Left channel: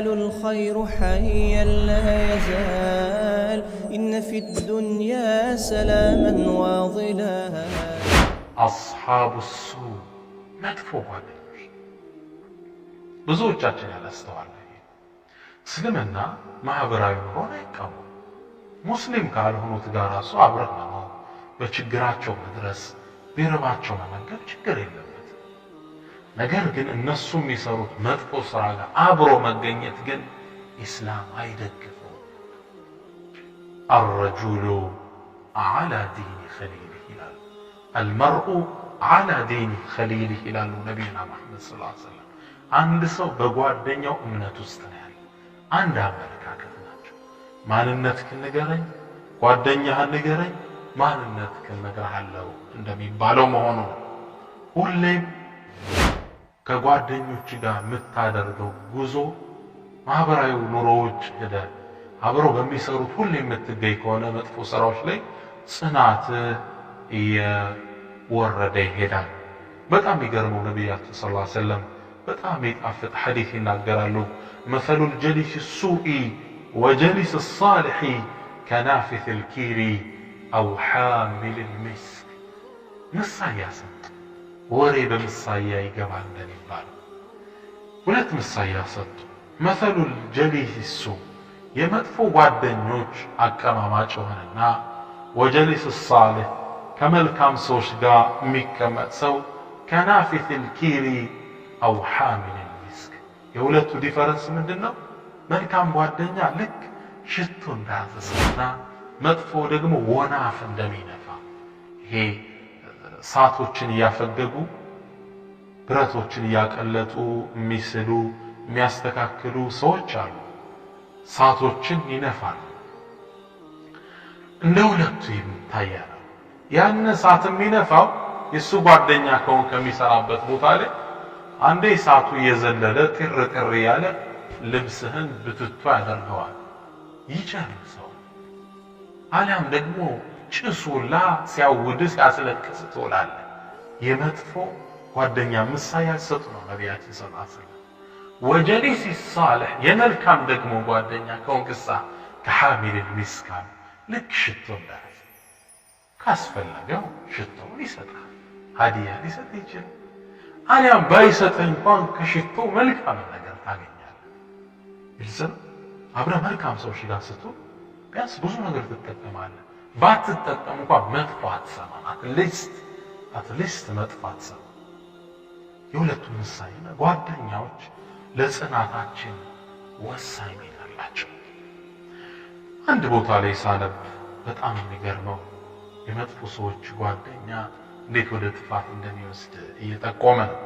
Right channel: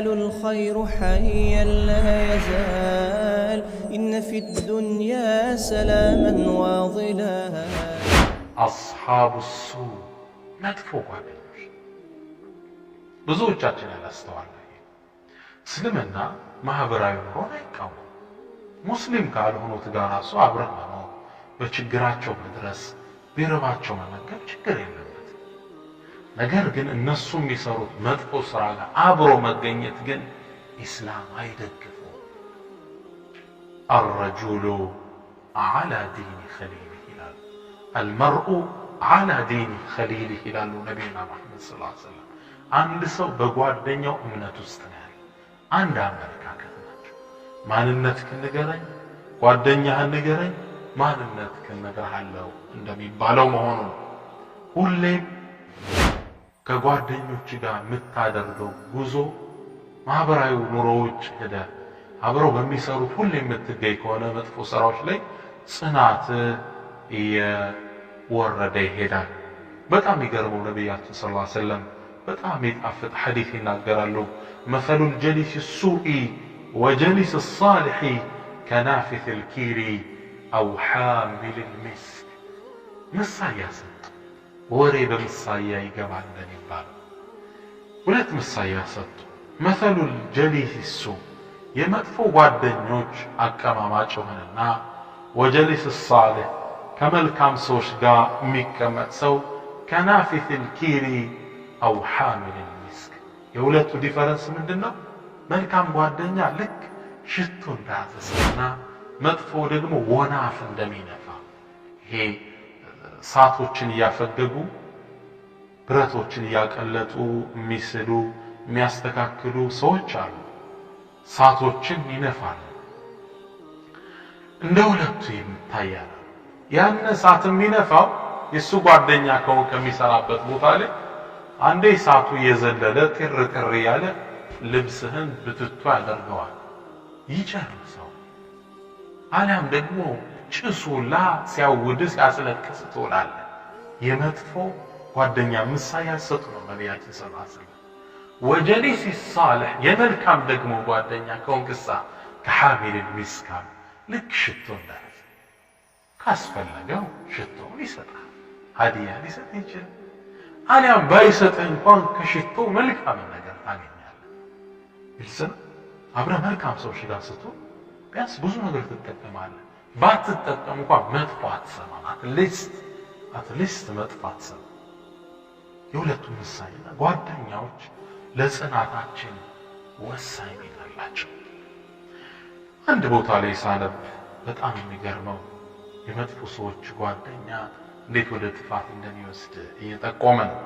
يزال الخير حيا لا يزال إن في الدنيا سلاما وظلالا أصحاب السوء مدفوع ጓደኞች ብዙዎቻችን ያላስተዋልን እስልምና ማህበራዊ ኑሮን አይቃወምም። ሙስሊም ካልሆኑት ጋር ራሱ አብረህ መኖር፣ በችግራቸው መድረስ፣ ቢረባቸው መመገብ ችግር የለበት። ነገር ግን እነሱ የሚሰሩት መጥፎ ስራ ጋር አብሮ መገኘት ግን ኢስላም አይደግፈው። الرجل على دين خليله ይላል። المرء على دين خليله ይላሉ ነብዩና መሐመድ ሰለላሁ ዐለይሂ ወሰለም። አንድ ሰው በጓደኛው እምነት ውስጥ ነው ያለው። አንድ አመለካከት ናቸው። ማንነትህን ንገረኝ፣ ጓደኛህን ንገረኝ፣ ማንነትህን እነግርሃለሁ እንደሚባለው መሆኑ ነው። ሁሌም ከጓደኞች ጋር የምታደርገው ጉዞ ማህበራዊ ኑሮዎች ሄደ አብረው በሚሰሩት ሁሌ የምትገኝ ከሆነ መጥፎ ስራዎች ላይ ጽናት እየወረደ ይሄዳል። በጣም የሚገርመው ነብያችን ሰለላሁ ዐለይሂ ወሰለም በጣም የሚጣፍጥ ሐዲስ ይናገራሉ። مثل الجليس السوء وجليس الصالح كنافث الكير أو حامل المسك ምሳያ ሰጡ። ወሬ በምሳያ ይገባል እንደሚባለው ሁለት ምሳያ ሰጡ። مثل الجليس السوء የመጥፎ ጓደኞች አቀማማጭ ሆነና وجليس الصالح ከመልካም ሰዎች ጋር የሚቀመጥ ሰው كنافث الكير أو حامل المسك የሁለቱ ዲፈረንስ ምንድነው? መልካም ጓደኛ ልክ ሽቶ እንዳዘሰና መጥፎ ደግሞ ወናፍ እንደሚነፋ ይሄ ሳቶችን ያፈገጉ ብረቶችን ያቀለጡ የሚስሉ የሚያስተካክሉ ሰዎች አሉ። ሳቶችን ይነፋሉ። እንደ ሁለቱ ይታያል። ያን ሳት የሚነፋው የሱ ጓደኛ ከሆነ ከሚሰራበት ቦታ ላይ አንዴ ሳቱ የዘለለ ጥር ጥር ያለ ልብስህን ብትቷ ያደርገዋል፣ ይጨርሰው። አሊያም ደግሞ ጭሱላ ሲያውድ ሲያስለቅስ ትውላለህ። የመጥፎ ጓደኛ ምሳሌ ሰጡ ነው ነብያችን ሰለላሁ ዐለይሂ ወሰለም። ወጀሊስ الصالح የመልካም ደግሞ ጓደኛ ከሆንክሳ ከሐሚል المسك ልክ ሽቶ እንዳለ ካስፈለገው ሽቶውን ይሰጣል፣ ሀዲያ ሊሰጥ ይችላል። አሊያም ባይሰጥህ እንኳን ከሽቶ መልካም ነገር ታገኛለህ። ይልሰን አብረ መልካም ሰዎች ጋር ስትሆን ቢያንስ ብዙ ነገር ትጠቀማለህ። ባትጠቀም እንኳን መጥፎ አትሰማም። አትሊስት መጥፎ አትሰማም። የሁለቱም ምሳሌና ጓደኛዎች ለጽናታችን ወሳኝ ሚና አላቸው። አንድ ቦታ ላይ ሳነብ በጣም የሚገርመው የመጥፎ ሰዎች ጓደኛ እንዴት ወደ ጥፋት እንደሚወስድ እየጠቆመ ነው።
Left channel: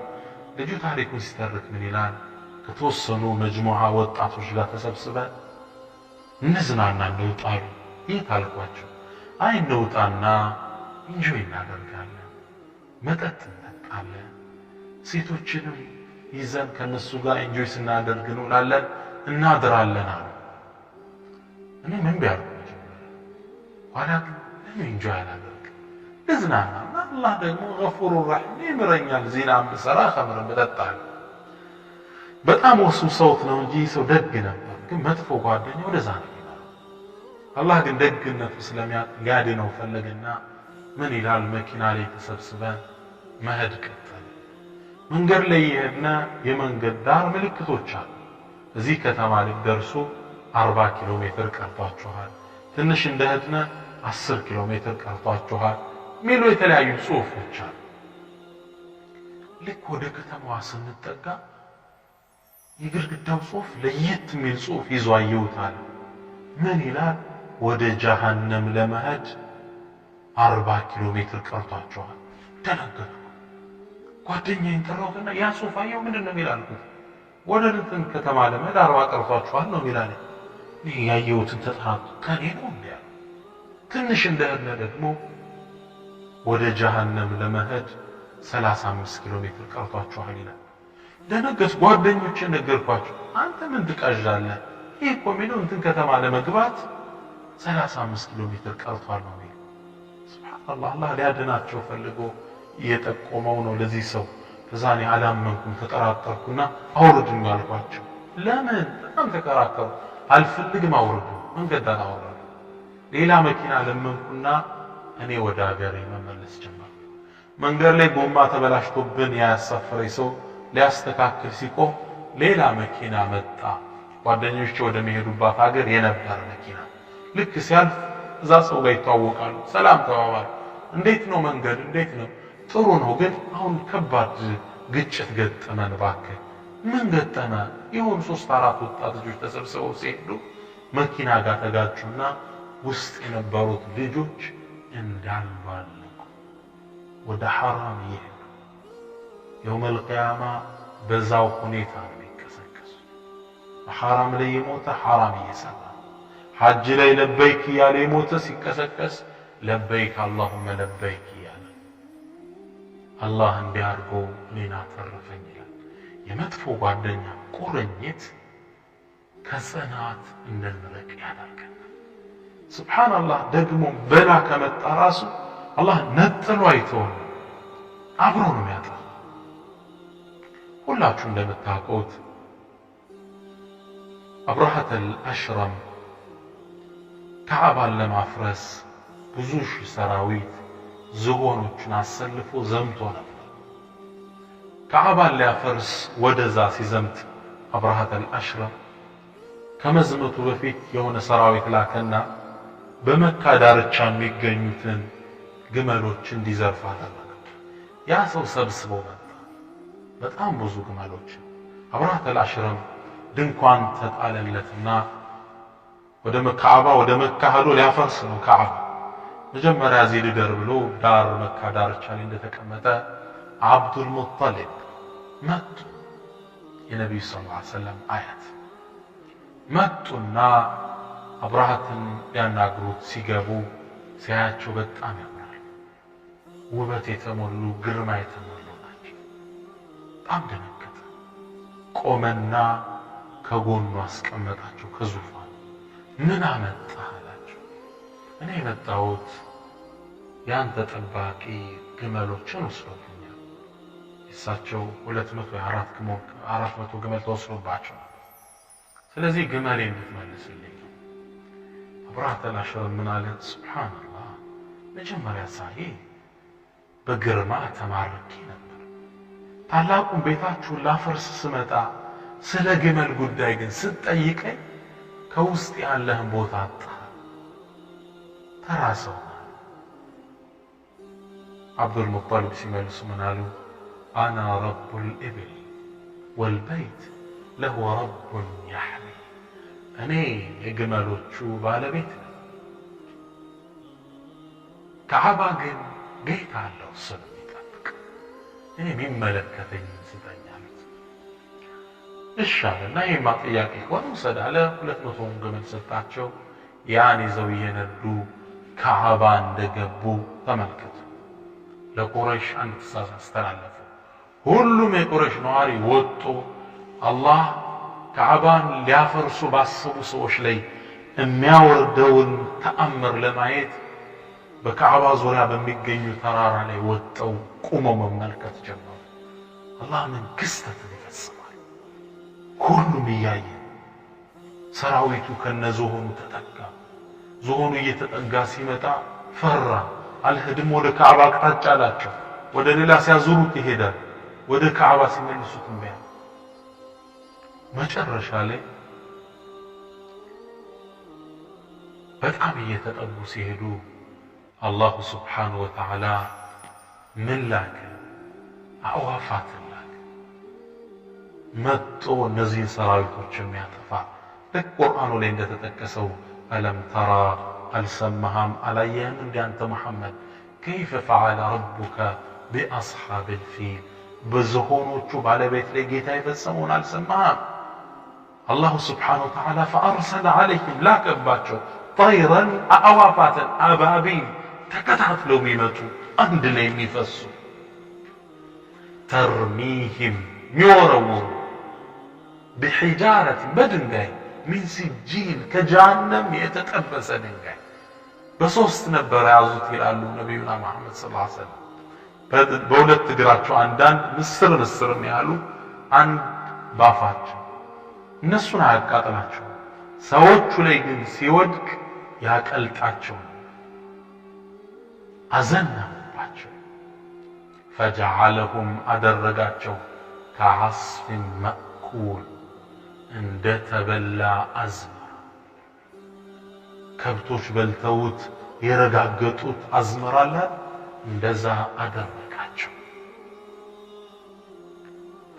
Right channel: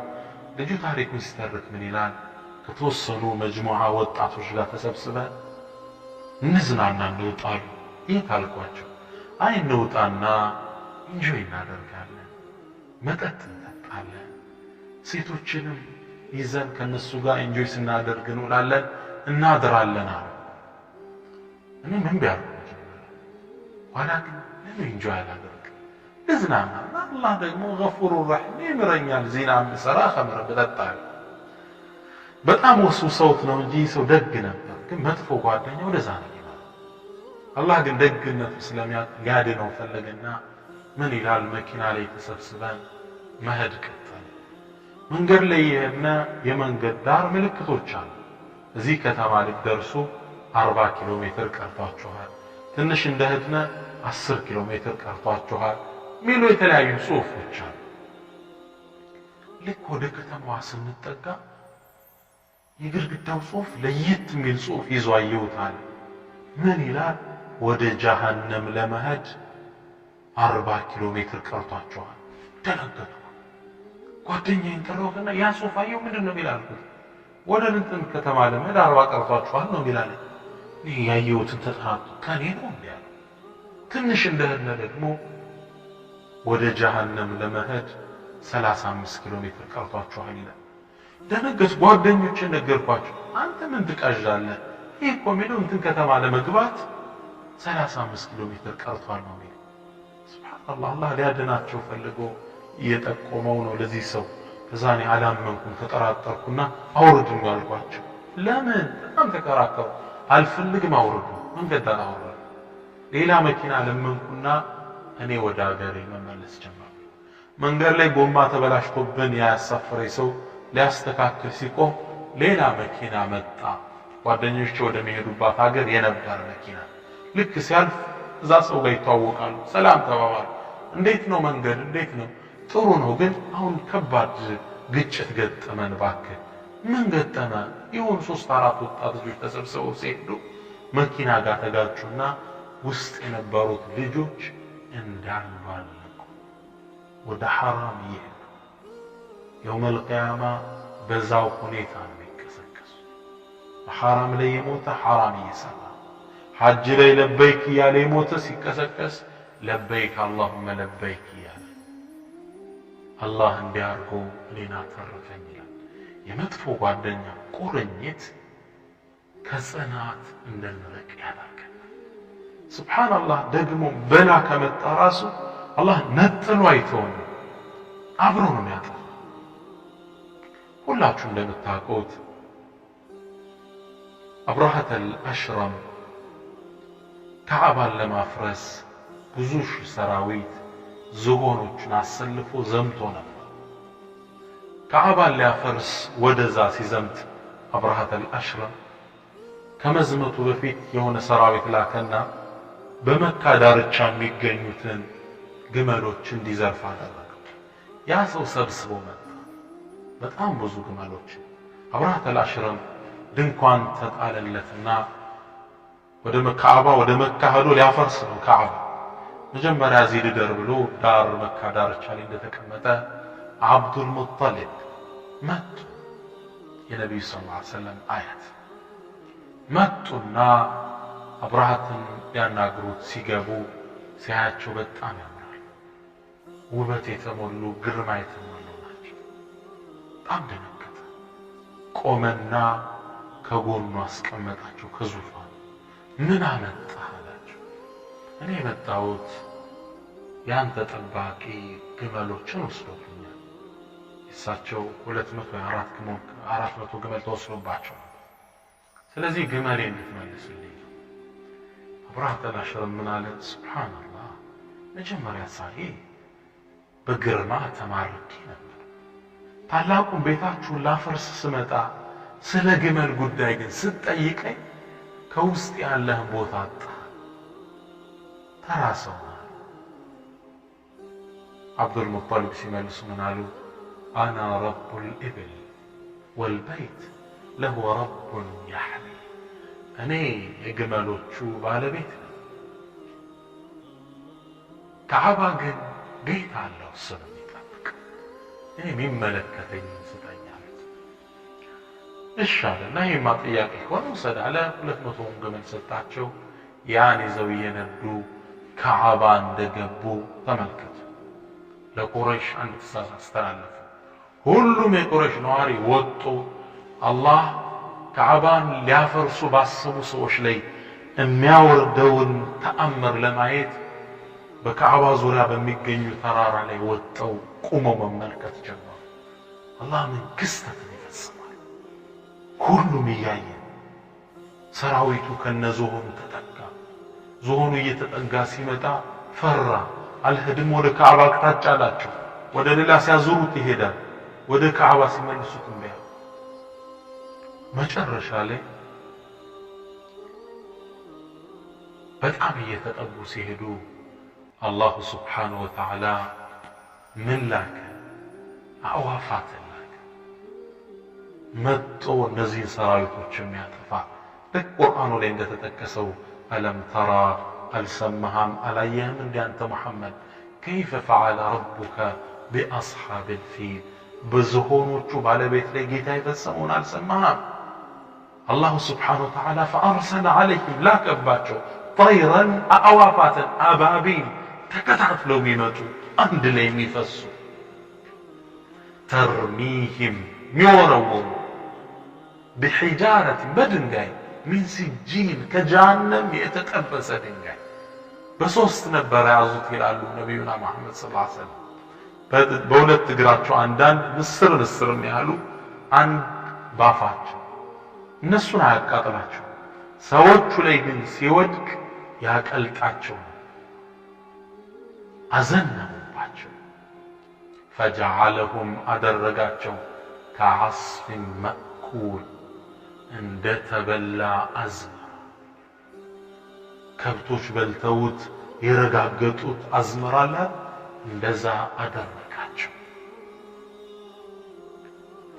ልጁ ታሪኩን ሲተርክ ምን ይላል? ከተወሰኑ መጅሙዓ ወጣቶች ጋር ተሰብስበን እንዝናና እንውጣሉ። የት አልኳቸው? አይ እንውጣና ኢንጆይ እናደርጋለን፣ መጠጥ እንጠጣለን፣ ሴቶችንም ይዘን ከነሱ ጋር ኢንጆይ ስናደርግ እንውላለን፣ እናድራለን አሉ። እኔ ምን ቢያርኩ ኋላ ግን ለምን ኢንጆይ አላደርግም? ልዝናና አላህ ደግሞ ገፉሩ ረሒም ይምረኛል። ዚናም ብሰራ ኸምርም ብጠጣ በጣም ወሱ ሰውት ነው እንጂ ሰው ደግ ነበር። ግን መጥፎ ጓደኛ ወደዛ ነው ይላል። አላህ ግን ደግነቱ ስለሚያድነው ፈለገና ምን ይላል? መኪና ላይ ተሰብስበን መሄድ ቀጠል። መንገድ ላይ የሄድን የመንገድ ዳር ምልክቶች አሉ። እዚህ ከተማ ልትደርሱ 40 ኪሎ ሜትር ቀርቷችኋል፣ ትንሽ እንደሄድን 10 ኪሎ ሜትር ቀርቷችኋል ሚሉ የተለያዩ ጽሁፎች አሉ። ልክ ወደ ከተማዋ ስንጠጋ የግድግዳው ጽሁፍ ለየት የሚል ጽሁፍ ይዞ አየሁታል። ምን ይላል? ወደ ጀሃነም ለመሄድ 40 ኪሎ ሜትር ቀርቷችኋል። ደነገጥኩ። ጓደኛዬን ጠራሁትና ያ ጽሁፍ አየሁ ምንድነው ይላልኩት? ወደ እንትን ከተማ ለመሄድ 40 ቀርቷችኋል ነው ይላል። እኔ ያየሁትን ተጠራጥኩ። ከኔ ነው እንዴ? ትንሽ እንደሄድን ደግሞ ወደ ጀሃነም ለመሄድ 35 ኪሎ ሜትር ቀርቷችኋል ይላል። ደነገጥ። ጓደኞችን ነገርኳቸው። አንተ ምን ትቃዣለህ? ይሄ እኮ የሚለው እንትን ከተማ ለመግባት 35 ኪሎ ሜትር ቀርቷል ነው የሚለው። ሱብሃንአላህ። አላህ ሊያድናቸው ፈልጎ እየጠቆመው ነው ለዚህ ሰው። ከዛ እኔ አላመንኩም፣ ተጠራጠርኩና አውርዱኝ አልኳቸው። ለምን በጣም ተከራከሩ። አልፈልግም አውርዱ። መንገድ ዳር አወረዱ። ሌላ መኪና ለመንኩና እኔ ወደ ሀገሬ መመለስ ጀመርኩ። መንገድ ላይ ጎማ ተበላሽቶብን ያሳፈረኝ ሰው ሊያስተካክል ሲቆም ሌላ መኪና መጣ። ጓደኞቼ ወደ መሄዱባት ሀገር የነበረ መኪና ልክ ሲያልፍ እዛ ሰው ጋር ይተዋወቃሉ። ሰላም ተባባሉ። እንዴት ነው መንገድ? እንዴት ነው? ጥሩ ነው፣ ግን አሁን ከባድ ግጭት ገጠመን። እባክህ ምን ገጠመ? የሆኑ 3-4 ወጣት ልጆች ተሰብስበው ሲሄዱ መኪና ጋር ተጋጩና ውስጥ የነበሩት ልጆች እንዳሉ አለቁ። ወደ ሐራም ይሄዱ። የውመል ቂያማ በዛው ሁኔታ ነው የሚከሰከሱ። በሐራም ላይ የሞተ ሐራም እየሰራ ሐጅ ላይ ለበይክ እያለ የሞተ ሲከሰከስ ለበይክ አላሁመ ለበይክ እያለ አላህ እንዲያርጎ እኔን አተረፈኝ ይላል። የመጥፎ ጓደኛ ቁርኝት ከጽናት እንድንርቅ ያደርገናል። ሱብሓነላህ። ደግሞ በላ ከመጣ ራሱ አላህ ነጥሎ አይተውም፣ አብሮ ነው የሚያጠፋ። ሁላችሁ እንደምታውቁት አብረሃተል አሽረም ካዕባን ለማፍረስ ብዙ ሺህ ሰራዊት ዝሆኖችን አሰልፎ ዘምቶ ነበር። ካዕባን ሊያፈርስ ወደዛ ሲዘምት አብረሃተል አሽረም ከመዝመቱ በፊት የሆነ ሰራዊት ላከና በመካ ዳርቻ የሚገኙትን ግመሎች እንዲዘርፍ አደረገ። ያ ሰው ሰብስቦ መጣ፣ በጣም ብዙ ግመሎች። አብረሃተል አሽረም ድንኳን ተጣለለትና ወደ ካዕባ ወደ መካ ሄዶ ሊያፈርስ ነው። ካዕባ መጀመሪያ እዚህ ልደር ብሎ ዳር መካ ዳርቻ ላይ እንደተቀመጠ አብዱል ሙጠሊብ መጡ። የነብዩ ሰለላሁ ዐለይሂ ወሰለም አያት መጡና አብረሃትን ሊያናግሩት ሲገቡ ሲያያቸው በጣም ያምራሉ። ውበት የተሞሉ ግርማ የተሞሉ ናቸው። በጣም ደነገጠ። ቆመና ከጎኑ አስቀመጣቸው ከዙፋኑ። ምን አመጣህ አላቸው። እኔ የመጣሁት ያንተ ጠባቂ ግመሎችን ወስዶብኛል። እሳቸው 400 ግመል ተወስዶባቸው ነበር። ስለዚህ ግመሌ እንድትመልስልኝ ነው። አብረሃተል አሽረም ምን አለ? ሱብሓነላህ፣ መጀመሪያ ሳይ በግርማ ተማርኬ ነበር። ታላቁን ቤታችሁን ላፈርስ ስመጣ ስለ ግመል ጉዳይ ግን ስትጠይቀኝ ከውስጥ ያለህን ቦታ አጣ። ተራ ሰው አብዱል ሙጠሊብ ሲመልሱ ምን አሉ? አና ረቡል ኢብል ወልበይት ለሁ ረቡን ያሕሚ። እኔ የግመሎቹ ባለቤት ነኝ፣ ካዕባ ግን ጌታ አለው ስለሚጠብቅ እኔ የሚመለከተኝ ስጠኝ አሉት። እሺ አለና ይሄማ ጥያቄ ከሆነ ውሰድ አለ። 200 ግመል ሰጣቸው። ያን ይዘው እየነዱ ካዕባ እንደገቡ ተመልከቱ። ለቁረይሽ አንድ ትእዛዝ አስተላለፉ። ሁሉም የቁረይሽ ነዋሪ ወጡ። አላህ ካዕባን ሊያፈርሱ ባሰቡ ሰዎች ላይ የሚያወርደውን ተአምር ለማየት በካዕባ ዙሪያ በሚገኙ ተራራ ላይ ወጥተው ቁመው መመልከት ጀመሩ። አላህ ምን ክስተትን ይፈጽማል። ሁሉም እያየ ሰራዊቱ ከነዝሆኑ ተጠጋ። ዝሆኑ እየተጠጋ ሲመጣ ፈራ። አልሄድም ወደ ካዕባ አቅጣጫ አላቸው። ወደ ሌላ ሲያዙሩት ይሄዳል፣ ወደ ካዕባ ሲመልሱት እምቢ አለ። መጨረሻ ላይ በጣም እየተጠጉ ሲሄዱ አላሁ ስብሓነሁ ወተዓላ ምን ላከ? አዕዋፋትን ላከ። መጥቶ እነዚህን ሰራዊቶች የሚያጠፋ ልክ ቁርአኑ ላይ እንደተጠቀሰው አለም ተራ አልሰማህም አላየህም እንደ አንተ ሙሐመድ ከይፈ ፈዓለ ረቡከ ቢአስሓብል ፊል በዝሆኖቹ ባለቤት ላይ ጌታ የፈጸመውን አልሰማህም? አላሁ ስብሓነሁ ወተዓላ ፈአርሰለ ዐለይሂም ላከባቸው ጠይረን አዕዋፋትን አባቢል ተከታትለው የሚመጡ አንድ ላይ የሚፈሱ ተርሚህም የሚወረውሩ ቢሒጃረትን በድንጋይ ሚን ሲጂል ከጀሃነም የተጠበሰ ድንጋይ በሶስት ነበር ያዙት ይላሉ ነቢዩና መሐመድ ሰለላሁ ዐለይሂ ወሰለም። በሁለት እግራቸው አንዳንድ ንስር ያሉ አንድ ባፋቸው እነሱን አያቃጥላቸው፣ ሰዎቹ ላይ ግን ሲወድቅ ያቀልጣቸው፣ አዘነሙባቸው። ፈጀዐለሁም አደረጋቸው ከዐስፊን መእኩል እንደ ተበላ አዝመራ፣ ከብቶች በልተውት የረጋገጡት አዝመራ ላይ እንደዛ አደረጋቸው።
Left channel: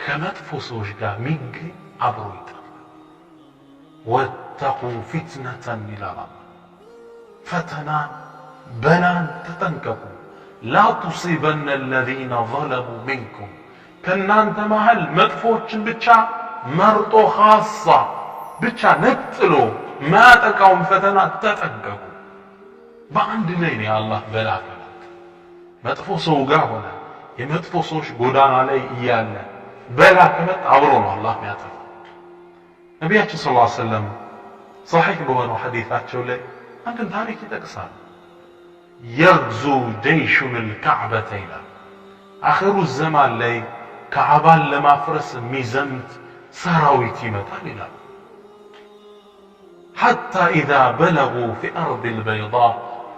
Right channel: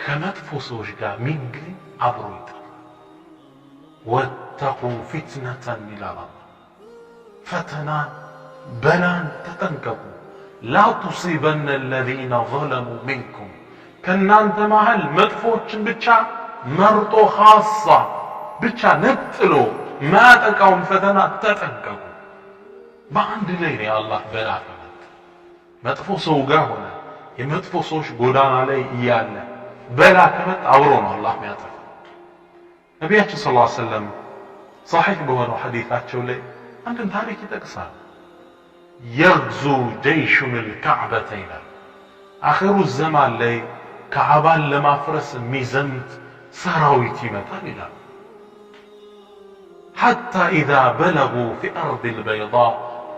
ከመጥፎ ሰዎች ጋር ሚገኝ አብሮ ይጠፋል። ወተቁ ፊትነተን ይላል አላህ፣ ፈተናን በላን ተጠንቀቁ። ላ ቱሲበነ አለዚነ ዘለሙ ሚንኩም፣ ከእናንተ መሃል መጥፎችን ብቻ መርጦ ኻሳ ብቻ ነጥሎ ማያጠቃውን ፈተና ተጠንቀቁ። በአንድ ላይ ነው የአላህ በላ ከመጣ። መጥፎ ሰው ጋር ሆነ የመጥፎ ሰዎች ጎዳና ላይ እያለ በላ ከመጣ አብሮ ነው አላህ የሚያጠፋ። ነቢያችን ሰለላሁ ዐለይሂ ወሰለም ሰሒህ በሆነው ሐዲታቸው ላይ አንድን ታሪክ ይጠቅሳል። የግዙ ጀይሹን ልካዕበተ ይላል። አኺሩ ዘማን ላይ ካዕባን ለማፍረስ የሚዘምት ሰራዊት ይመጣል ይላል። ሐታ ኢዛ በለጉ ፊ አርድ ልበይዳ፣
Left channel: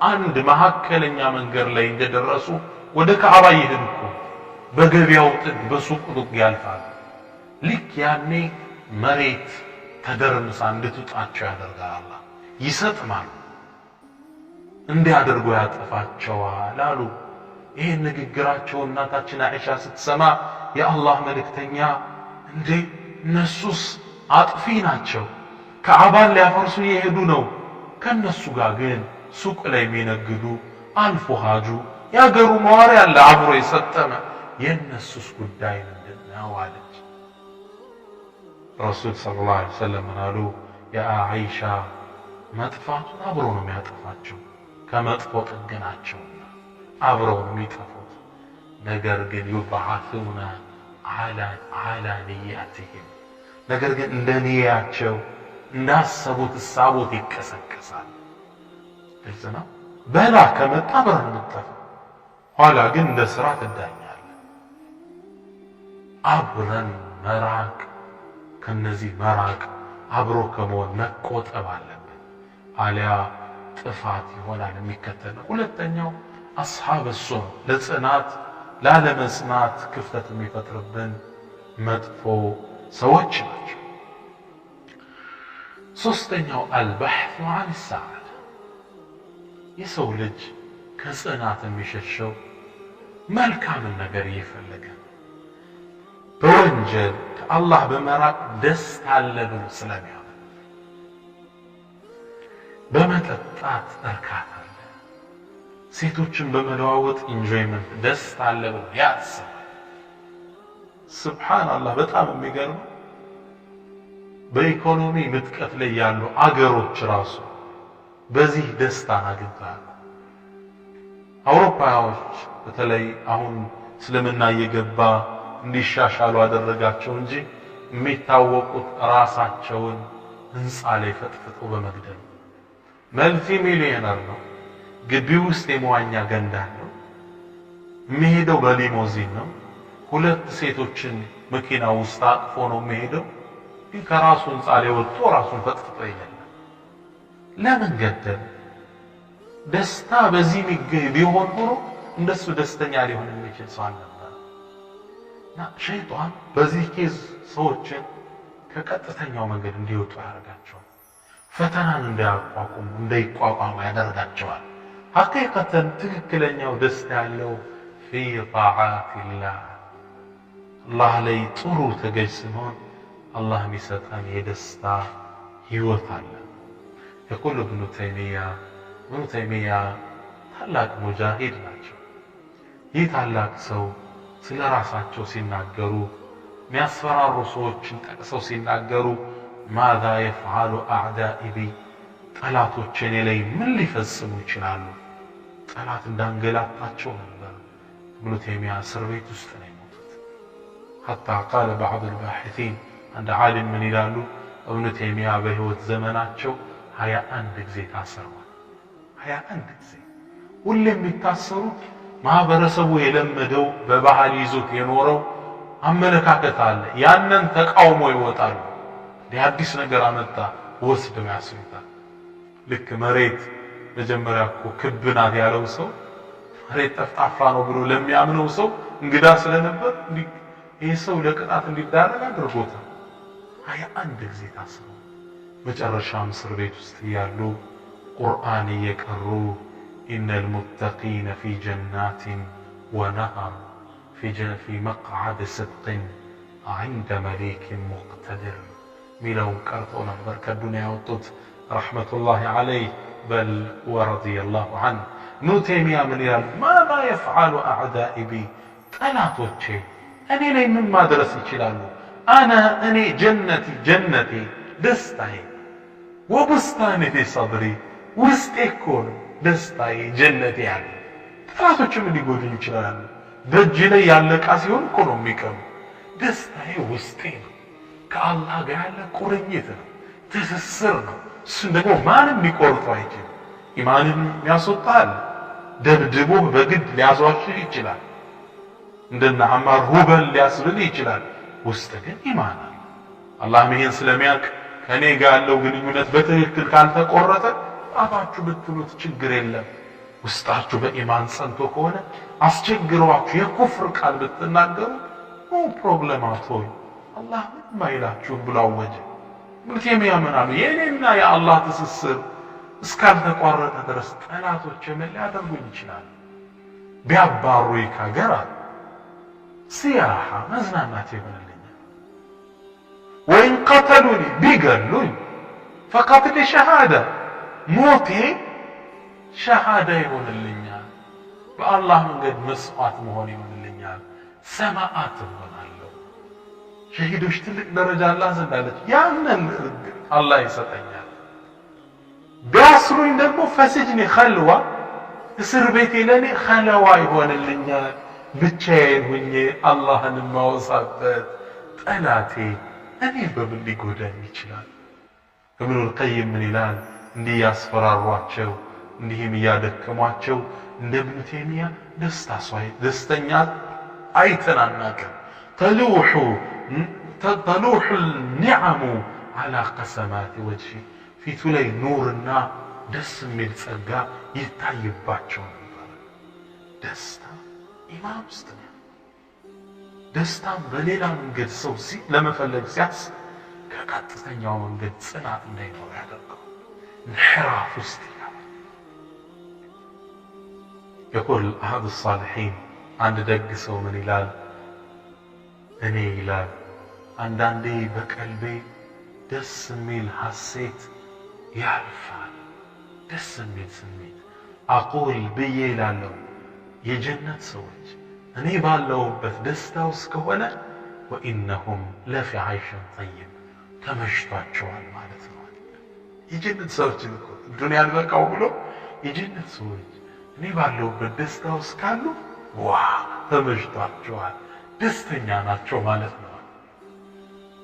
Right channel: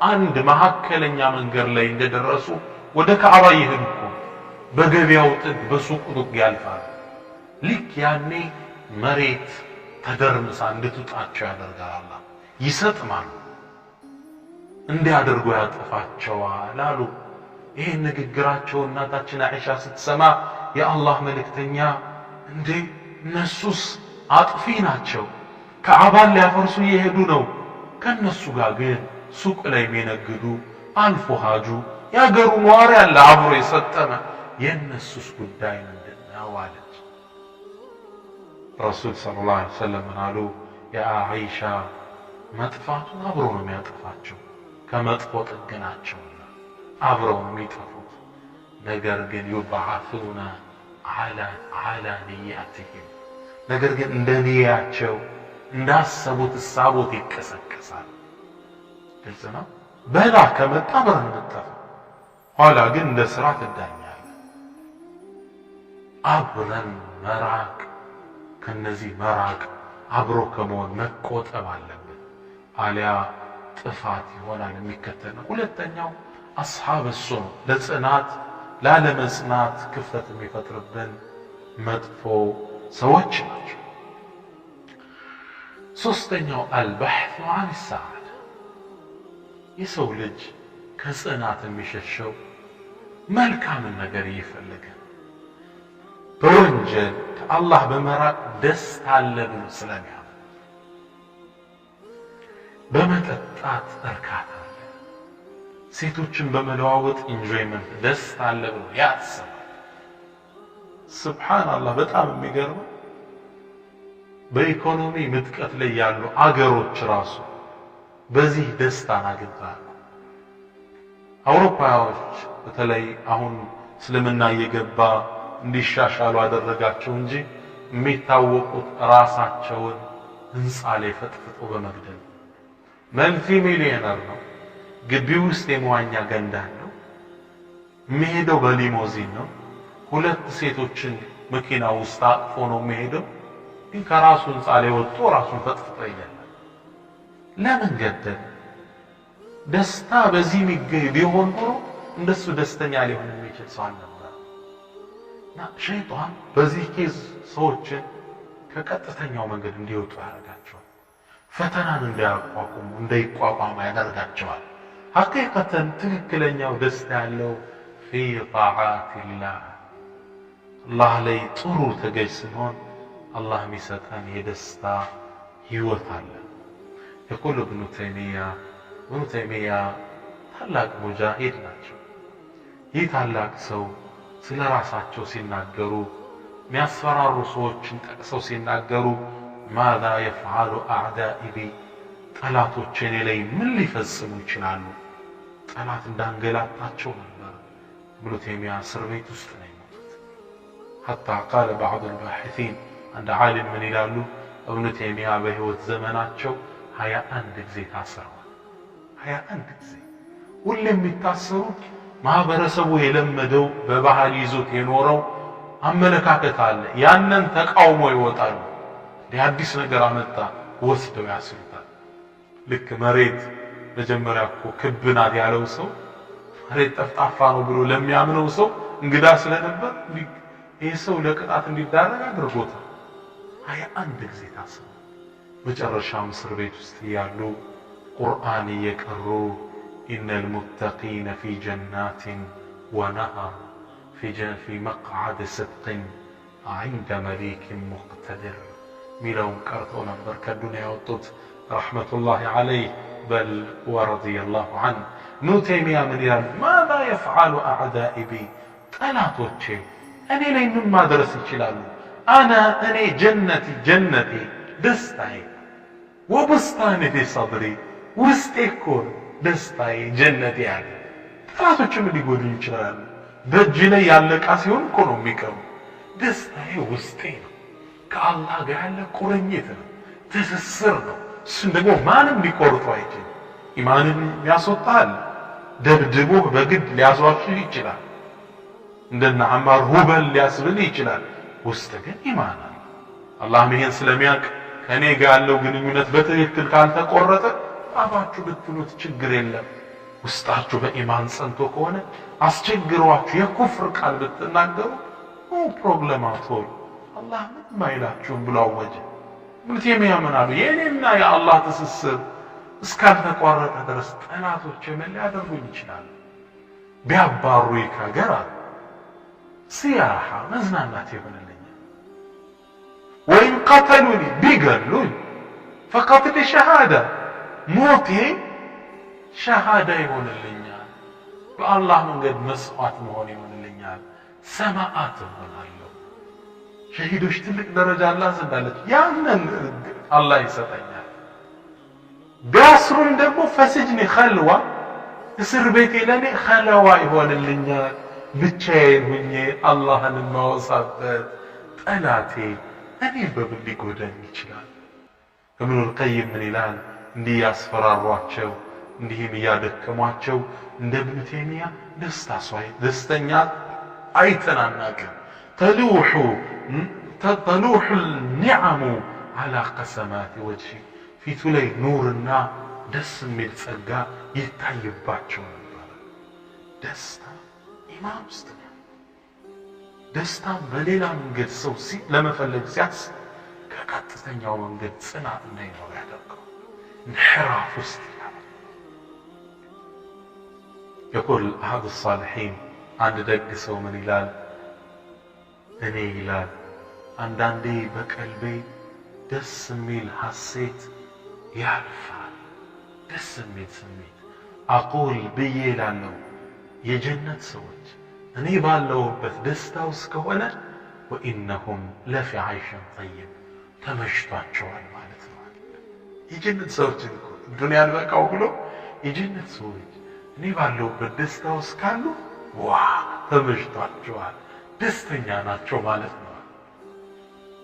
አንድ መካከለኛ መንገድ ላይ እንደደረሱ ወደ ካዕባ ይሄዱ እኮ በገበያው ጥግ በሱቁ ጥግ ያልፋሉ። ልክ ያኔ መሬት ተደርምሳ እንድትውጣቸው ያደርጋል አላህ። ይሰጥማሉ፣ እንዲያደርጉ ያጠፋቸዋል አሉ። ይሄን ንግግራቸው እናታችን አይሻ ስትሰማ የአላህ መልእክተኛ እንዴ እነሱስ አጥፊ ናቸው፣ ካዕባን ሊያፈርሱ እየሄዱ ነው፣ ከነሱ ጋር ግን ሱቅ ላይ የሚነግዱ አልፎ ሀጁ ያገሩ ነዋሪ ያለ አብሮ የሰጠመ የነሱስ ጉዳይ ምንድነው አለች። ረሱል ሰለላሁ ዐለይሂ ወሰለም አሉ የአይሻ መጥፋቱን አብሮ ነው የሚያጠፋቸው፣ ከመጥፎ ጥግ ናቸውና አብረው ነው የሚጠፉት። ነገር ግን ዩብዓቱና ዐላ ንያቲሂም፣ ነገር ግን እንደ ንያቸው እንዳሰቡት እሳቦት ይቀሰቀሳል። ግልጽ ነው። በላ ከመጣ አብረን እንጠፋ፣ ኋላ ግን እንደ ስራ ትዳኛለህ። አብረን መራቅ፣ ከነዚህ መራቅ አብሮ ከመሆን መቆጠብ አለብን። አሊያ ጥፋት ይሆናል የሚከተል ነው። ሁለተኛው አስሓበ ሱም፣ ለጽናት ላለመጽናት ክፍተት የሚፈጥርብን መጥፎ ሰዎች ናቸው። ሶስተኛው አልበሕቱ ዐን ሰዓዳ፣ የሰው ልጅ ከጽናት የሚሸሸው መልካምን ነገር እየፈለገ በወንጀል ከአላህ በመራቅ ደስታ አለ ብሎ ስለሚያምን፣ በመጠጣት እርካታ አለ፣ ሴቶችን በመለዋወጥ ኢንጆይመንት ደስታ አለ ብሎ ያስባል። ሱብሓነላህ በጣም የሚገርመው በኢኮኖሚ ምጥቀት ላይ ያሉ አገሮች ራሱ በዚህ ደስታን አግኝተዋል። አውሮፓዎች በተለይ አሁን እስልምና እየገባ እንዲሻሻሉ አደረጋቸው እንጂ የሚታወቁት ራሳቸውን ህንፃ ላይ ፈጥፍጦ በመግደል። መልቲ ሚሊዮነር ነው፣ ግቢ ውስጥ የመዋኛ ገንዳ ነው፣ የሚሄደው በሊሞዚን ነው፣ ሁለት ሴቶችን መኪና ውስጥ አቅፎ ነው የሚሄደው። ግን ከራሱ ህንፃ ላይ ወጥቶ ራሱን ፈጥፍጦ ይገላል። ለምን ገደለ? ደስታ በዚህ የሚገኝ ቢሆን ኖሮ እንደሱ ደስተኛ ሊሆን የሚችል ሰው አልነበረ። እና ሸይጣን በዚህ ኬዝ ሰዎችን ከቀጥተኛው መንገድ እንዲወጡ ያደርጋቸዋል። ፈተናን እንዳያቋቁሙ እንዳይቋቋሙ ያደርጋቸዋል። ሐቂቀተን ትክክለኛው ደስታ ያለው ፊ ጣዓቲላህ፣ አላህ ላይ ጥሩ ተገዥ ስንሆን አላህ የሚሰጠን የደስታ ህይወት አለ። የቁል ኢብኑ ተይሚያ ታላቅ ሙጃሂድ ናቸው። ይህ ታላቅ ሰው ስለ ራሳቸው ሲናገሩ የሚያስፈራሩ ሰዎችን ጠቅሰው ሲናገሩ ማዛ የፍዓሉ አዕዳኢ ቢ፣ ጠላቶች እኔ ላይ ምን ሊፈጽሙ ይችላሉ? ጠላት እንዳንገላታቸው ነበር። ኢብኑ ተይሚያ እስር ቤት ውስጥ ነው የሞቱት። ሐታ ቃለ ባዕዱ ልባሒሲን፣ አንድ ዓሊም ምን ይላሉ? ኢብኑ ተይሚያ በህይወት ዘመናቸው 21 ጊዜ ታስረዋል። 21 ጊዜ። ሁሌ የሚታሰሩት ማህበረሰቡ የለመደው በባህል ይዞት የኖረው አመለካከት አለ። ያንን ተቃውሞ ይወጣሉ። አዲስ ነገር አመጣ ወስደው ያስሩታል። ልክ መሬት መጀመሪያ እኮ ክብ ናት ያለው ሰው መሬት ጠፍጣፋ ነው ብሎ ለሚያምነው ሰው እንግዳ ስለነበር ይሄ ሰው ለቅጣት እንዲዳረግ አድርጎታል። 21 ጊዜ ታስረው መጨረሻም እስር ቤት ውስጥ ያሉ ቁርአን እየቀሩ ኢነል ሙተቂነ ፊ ጀናቲን ወነሃር في مقعد صدق عند مليك مقتدر ሚለውን ቀርተው ነበር ከዱንያ ያወጡት ረሕመቱላሂ ዐለይህ በል ወረضي الله عنه። ኢብኑ ተይሚያ ምን ይላል? ማذا يفعل أعدائي بي ጠላቶቼ እኔ ላይ ምን ማድረስ ይችላሉ? እኔ ጀነቴ ደስታዬ ወብስታኔ ፊ ሰድሪ ውስጤ እኮ ደስታዬ ጀነቴ ያለ ጠላቶችም ሊጎዱኝ ይችላሉ። በእጅ ላይ ያለ ዕቃ ሲሆን እኮ ነው የሚቀሙ። ደስታዬ ውስጤ ነው። ከአላህ ጋር ያለ ቁርኝት ነው፣ ትስስር ነው። እሱን ደግሞ ማንም ሊቆርጠው አይችልም። ኢማንን ያስወጣል። ደብድቦህ በግድ ሊያስዋሽህ ይችላል። እንደነ አማር ሁበል ሊያስብል ይችላል። ውስጥ ግን ኢማን አለ። አላህም ይሄን ስለሚያውቅ ከኔ ጋር ያለው ግንኙነት በትክክል ካልተቆረጠ አባችሁ ብትሉት ችግር የለም። ውስጣችሁ በኢማን ጸንቶ ከሆነ አስቸግሯችሁ የኩፍር ቃል ብትናገሩ ኖ ፕሮብለም አትሆን አላህ ምንም አይላችሁም ብሎ አወጀ። ኢብኑ ተይሚያ ምን አሉ? የኔና የአላህ ትስስር እስካልተቋረጠ ድረስ ጠላቶች ምን ሊያደርጉኝ ይችላሉ? ቢያባሩኝ ከሀገር ሲያሃ መዝናናት ይሆንልኛል። ወይም ቀተሉኒ ቢገሉኝ ፈቀትሊ ሸሃዳ ሞቴ ሸሃዳ ይሆንልኛል። በአላህ መንገድ መስዋዕት መሆን ይሆንልኛል። ሰማዓት እሆናለሁ። ሸሂዶች ትልቅ ደረጃ አላህ ዘንድ አለች። ያንን አላህ ይሰጠኛል። ቢያስሩኝ ደግሞ ፈስጅኒ ኸልዋ እስር ቤቴ ለኔ ኸለዋ ይሆንልኛል። ብቻዬን ሁኜ አላህን ማወሳበት ጠላቴ እኔ በምን ሊጎዳኝ ይችላል? ኢብኑል ቀይም ምን ይላል? እንዲህ ያስፈራሯቸው እንዲህም እያደከሟቸው እንደ ኢብኑ ተይሚያ ደስተኛ አይተን አናውቅም። ተሉሑ النعم على قسمات وجهه ፊቱ ላይ ኑርና ደስ የሚል ጸጋ ይታይባቸው ነበር። ደስታ ኢማን ውስጥ ነው። ደስታም በሌላ መንገድ ሰው ለመፈለግ ሲያስብ ከቀጥተኛው መንገድ ጽናት እንዳይኖር ያደርገው እንሕራፍ ውስጥ يقول أحد الصالحين عند دق سو من ይላል እኔ ይላል አንዳንዴ በቀልቤ ደስ የሚል ሐሴት ያልፋል። ደስ የሚል ስሜት አቁል ብዬ እላለሁ የጀነት ሰዎች እኔ ባለሁበት ደስታ ውስጥ ከሆነ ወኢነሁም ለፊ ዐይሽን ጠይብ ተመሽቷቸዋል ማለት ነው። የጀነት ሰዎች እኮ ዱንያ አልበቃው ብሎ የጀነት ሰዎች እኔ ባለሁበት ደስታ ውስጥ ካሉ ዋ ተመሽቷቸዋል፣ ደስተኛ ናቸው ማለት ነው።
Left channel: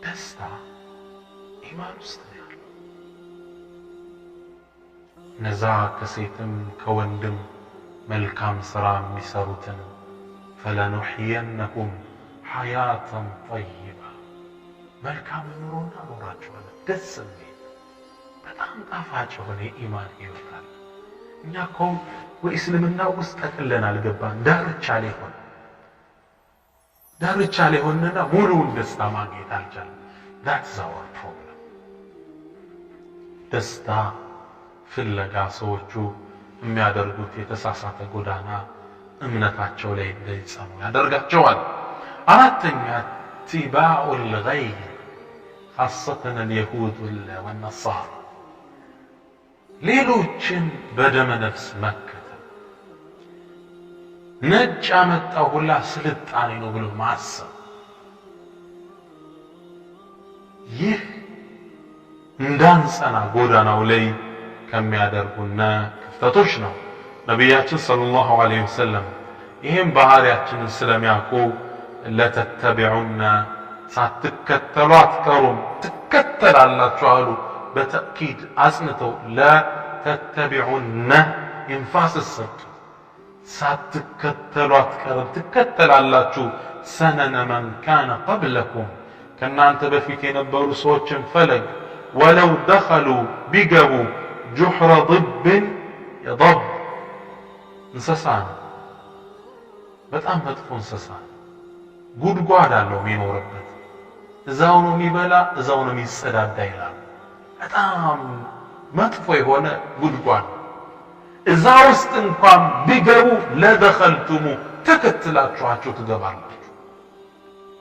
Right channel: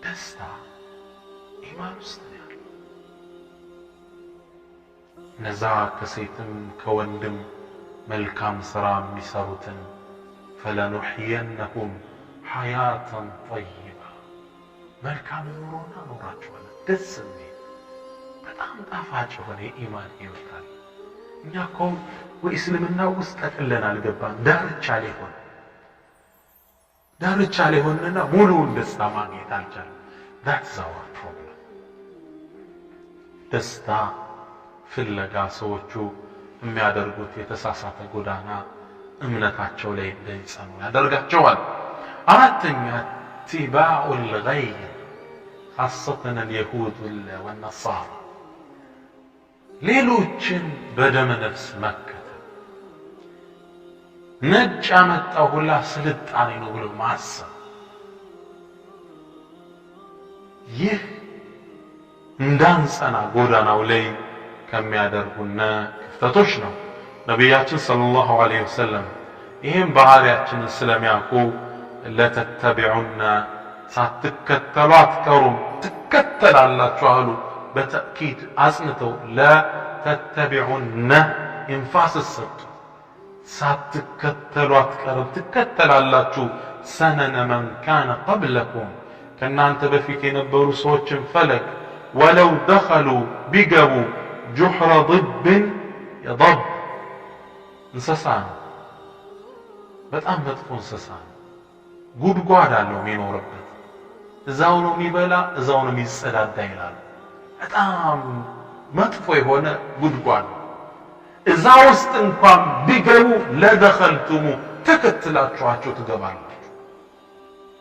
ደስታ ኢማን ውስጥ ነው ያለው። እነዛ ከሴትም ከወንድም መልካም ሥራ የሚሰሩትን ፈለኑሕየነሁም ሐያተን ጠይባ መልካም ኑሮ እናኖራቸዋለን። ደስ የሚል በጣም ጣፋጭ የሆነ የኢማን ሕይወት አለ። እኛ እኮ ወእስልምና ውስጥ ጠቅለን አልገባን። ዳርቻ ላይ ሆነና ሙሉውን ደስታ ማግኘት አልቻለም። that's our problem። ደስታ ፍለጋ ሰዎቹ የሚያደርጉት የተሳሳተ ጎዳና እምነታቸው ላይ እንዳይጸኑ ያደርጋቸዋል። አራተኛ ቲባኡል ገይር خاصة اليهود والنصارى ሌሎችን በደመ ነፍስ መከተል ነጭ ያመጣው ሁላ ስልጣኔ ነው ብሎ ማሰብ ይህ እንዳንጸና ጎዳናው ላይ ከሚያደርጉና ክፍተቶች ነው። ነቢያችን ሰለላሁ ዐለይሂ ወሰለም ይህም ባህሪያችንን ስለሚያውቁ ለተተቢዑና ሳትከተሉ አትቀሩም ትከተላላችሁ አሉ። በተእኪድ አጽንተው ለተተቢዑነ ኢንፋስ ሰጡ ሳትከተሉ አትቀሩም ትከተላላችሁ ሰነነ መን ካነ ቀብለኩም ከናንተ በፊት የነበሩ ሰዎችን ፈለግ ወለው ደኸሉ ቢገቡ ጁሕረ ضب የضب እንስሳ ነው በጣም መጥፎ እንስሳ ነው ጉድጓድ አለው የሚኖርበት እዛው ነው የሚበላ እዛው ነው የሚጸዳዳ ይላል በጣም መጥፎ የሆነ ጉድጓድ እዛ ውስጥ እንኳን ቢገቡ ለደኸልቱሙ ተከትላችኋቸው ትገባላችሁ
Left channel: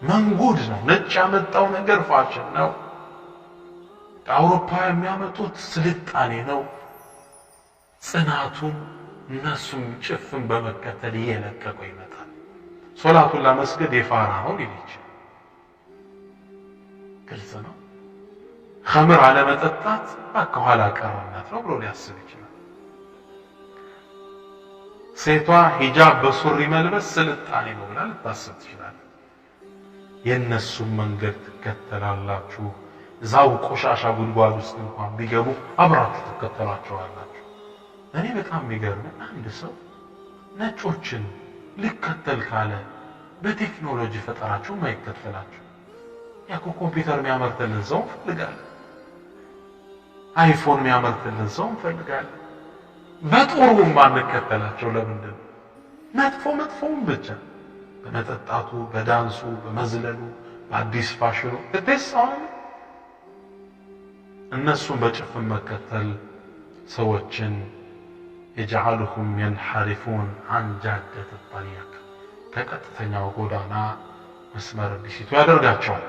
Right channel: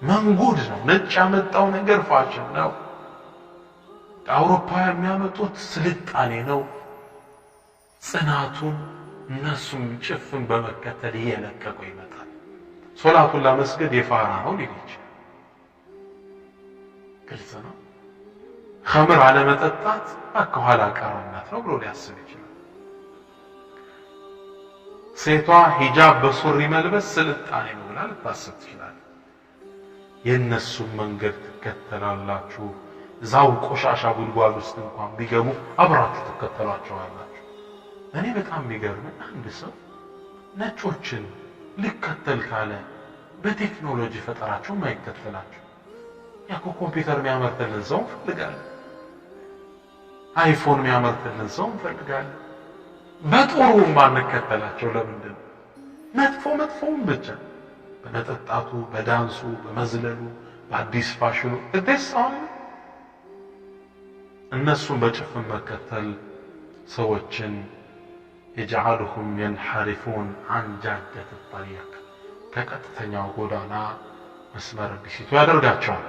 መንጉድ ነው ነጭ ያመጣው ነገር ፋሽን ነው አውሮፓ የሚያመጡት ስልጣኔ ነው ጽናቱን እነሱም ጭፍን በመከተል እየለቀቁ ይመጣል ሶላቱን ለመስገድ የፋራ ነው ሊልች ግልጽ ነው ኸምር አለመጠጣት አከኋላ ቀርነት ነው ብሎ ሊያስብ ይችላል ሴቷ ሂጃብ በሱሪ መልበስ ስልጣኔ ነው ብላ ልታስብ ትችላለች የነሱም መንገድ ትከተላላችሁ ዛው ቆሻሻ ጉድጓድ ውስጥ እንኳን ቢገቡ አብራችሁ ትከተሏቸዋላችሁ እኔ በጣም የሚገርም አንድ ሰው ነጮችን ልከተል ካለ በቴክኖሎጂ ፈጠራቸው ማይከተላቸው ያኮ ኮምፒውተር የሚያመርትልን ሰው እንፈልጋለን አይፎን የሚያመርትልን ሰው እንፈልጋለን በጥሩ ማንከተላቸው ለምንድን መጥፎውን ብቻ በመጠጣቱ በዳንሱ በመዝለሉ በአዲስ ፋሽኑ እደሳውን እነሱን በጭፍን መከተል ሰዎችን يجعلهم ينحرفون عن جادة الطريق ከቀጥተኛው ጎዳና መስመር እንዲስቱ ያደርጋቸዋል